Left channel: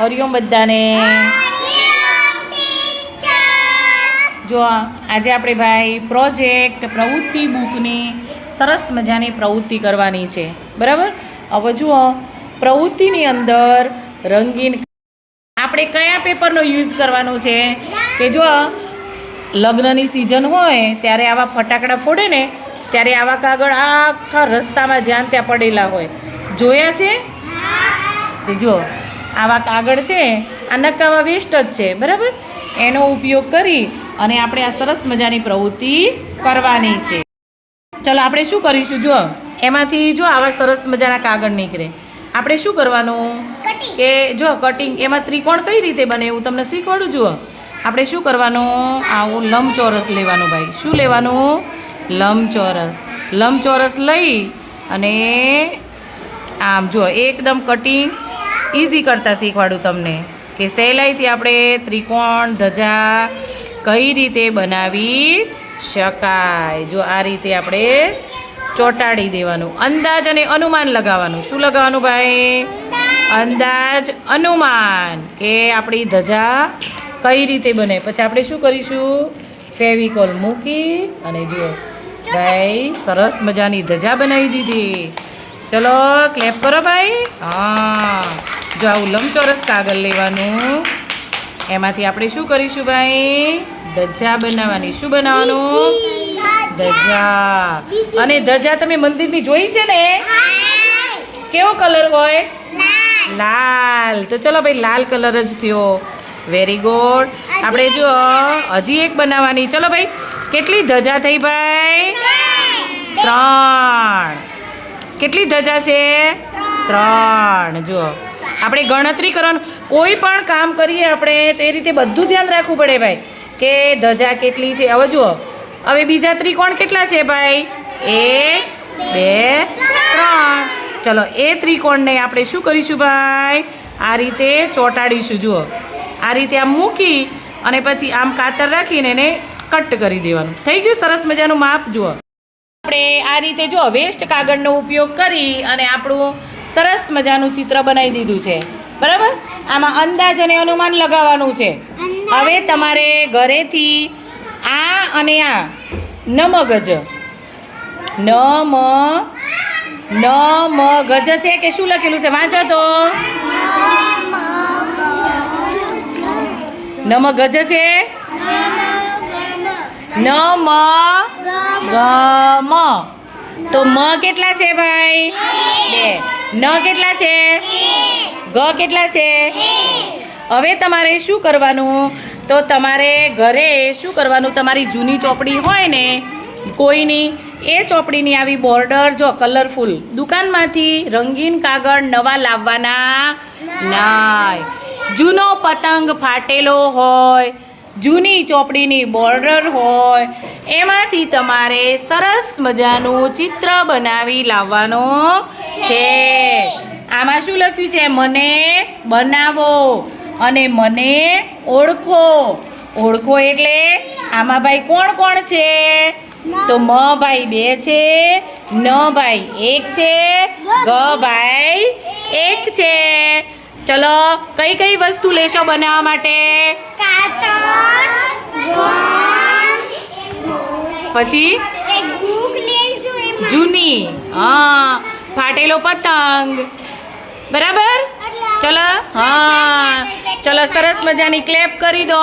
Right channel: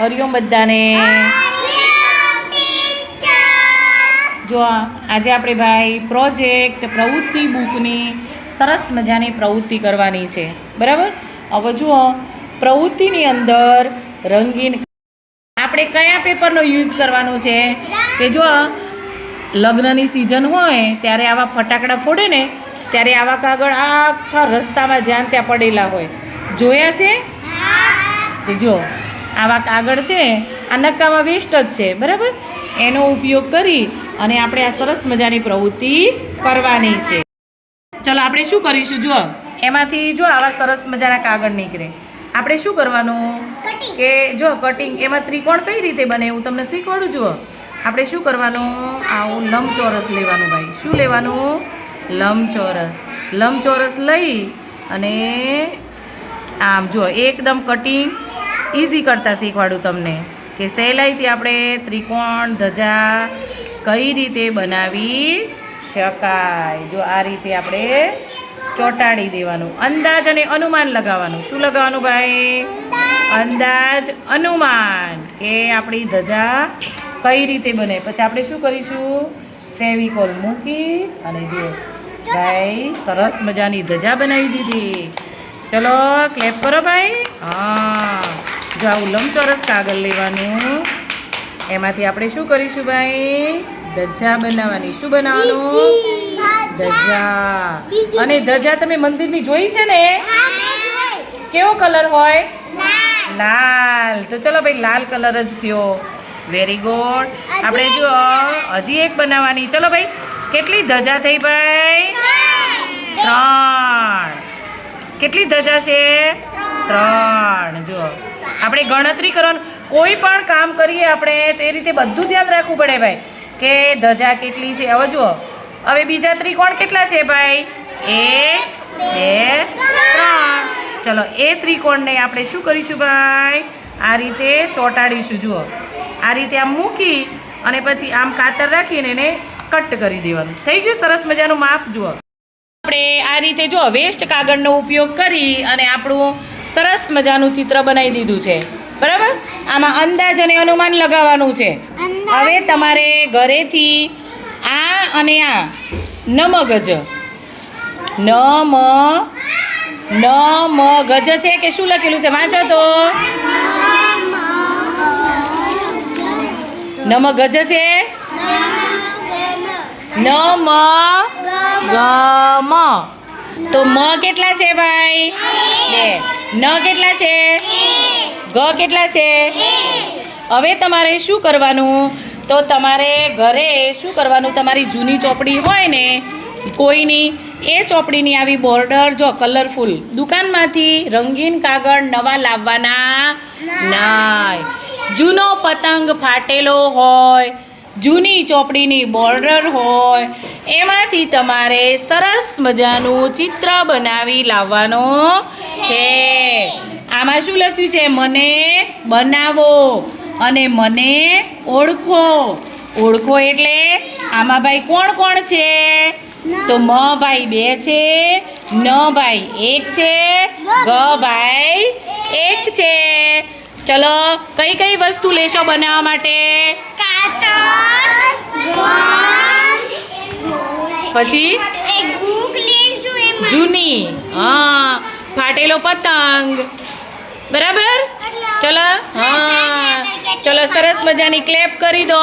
હરિઓમ બધાને. જો આજે આપણે ભાઈ પ્રોજેક્ટ પ્રવૃત્તિ બુકની સરસ મજાની પ્રવૃત્તિ કરવાની છે. બરાબર? હવે જુઓ પ્રવૃત્તિની અંદર રંગીન આપણે કયા પેપરનો યુઝ કરવાનો છે? કે જો લગ્નની સિઝન હોય ત્યારે આવા ફટાકડા ફોડે ને ત્યારે આવા કાગળ આખા રસ્તામાં જ્યાં ત્યાં પડેલા હોય. જોયા છે? જો આવા કાગળ છે આ નક્કામાં વેસ્ટ જ છે બરાબર? એનો ઉપયોગ કરી અને આપણે આ સરસ મજાની પ્રવૃત્તિ કરવાની છે. ચલો આપણે શું કરીશું? જો એમાંથી જો આવા સરસ મજાના કાગળ નીકળે. આપણે શું કરવાનું? કે જો કટિંગ એમાં ત્રિકોણ કઈ રીતે બને હું તમને શીખવાડું? જુઓ. આપણે શું કરવાનું? આવું લંબચોરસ લેવાનું ભાઈ. શું લેવાનું? લંબચોરસ. લંબચોરસ લઈ અને આમ જો એકદમ કટિંગ ઇઝી કરતાં શીખવાડું તમને કે સહેલાઈથી આપણે ત્રિકોણ, ધજા કઈ રીતે બનાવી શકાય? જો આ રીતે આપણે ચોંટાડી દેવાનું. અંદાજ અને અનુમાન લગાવવાનું. શું લગાવવાનું ભાઈ? અંદાજ, અનુમાન કે આપણી ધજા કઈ રીતે બને? પછી આપણે શું કરીશું? ફેવિકોલ મૂકી અને જો ભાઈ સરસ મજાની ધજા બનાવી દીધી. ચલો ક્લેપ કરો ભાઈ. હા જો આવું લંબચોરસ કાગળ લેવાનું. એમાંથી આપણે શું કરીશું ભાઈ? ધજા બનાવવાની. શું બનાવવાનું? ધજા. અને ધજા તમે મંદિરની જોઈ છે ને? કેવો કલર હોય? લાલ. તો ચલો ભાઈ લાલ કલર જ થયો. વેરી ગુડ આપણે જો હજી એક બનાવવાની. ચલો ભાઈ કેટલી ધજા થઈ ભાઈ? ત્રણ. કેટલી ધજા છે? ત્રણ. જો આપણે ગણતરી કરવાનું. કોઈ પણ કામ કરીએ આપણે તો એ રીતે બધું ધ્યાન રાખવું પડે ભાઈ. કે ધજા કેટલી છે? હવે જુઓ. હવે બીજા ત્રિકોણ કેટલા છે ભાઈ? એક બે ત્રણ. ચલો એ ત્રિકોણને આપણે શું કરીશું ભાઈ? આ રીતે ચોંટાડીશું. જુઓ. આ રીતે આમ મૂકી અને પછી આમ કાતર રાખીને એને કટ કરી દેવાનું. થઈ ગયું? સરસ મજાનું માપ જુઓ. આપણે આ રીતે જો વેસ્ટ કાગળનો ઉપયોગ કરી અને આપણું સરસ મજાનું ચિત્ર બનાવી દીધું છે. બરાબર? આમાં અંદાજ અને અનુમાન લગાવવાનું છે. હવે તમારે ઘરેથી આ અને આ નમ મગજ ન મ ન મ ગજ છે કે શું લખેલું છે? વાંચો તો. નમ ગજ છે? ન મ ગ મ તો મ કેટલા છે ભાઈ? બે. ન કેટલા છે? ગ કેટલા છે? હવે તમારે શું કરવાનું? તો તમારે ઘરે શું કરવાનું? તમારી જૂની ચોપડી હોય ને કોઈની એ ચોપડીની આવી બોર્ડર જો કલરફુલ દુકાનમાંથી રંગીન કાગળ નવા લાવવાના નાય. જૂનો પતંગ ફાટેલો હોય, જૂની ચોપડીની બોર્ડર હોય, એમાંથી તમારે સરસ મજાનું ચિત્ર બનાવી લાવવાનો છે. આમાં શું લખ્યું છે? મને બનાવો અને મને ઓળખો. ઓળખો એટલે આમાં ભાઈ કોણ કોણ છે? તો મ ભાઈ બે છે, ન ભાઈ એક છે, ગ ભાઈ એક છે. ચલો, કઈ કઈ વસ્તુ લેશો બનાવવા માટે? પછી? જૂની, હા, ફાટેલો પતંગ. બરાબર? ચલો, હા. ચલો, સરસ મજાની ક્લેપ કરી દો.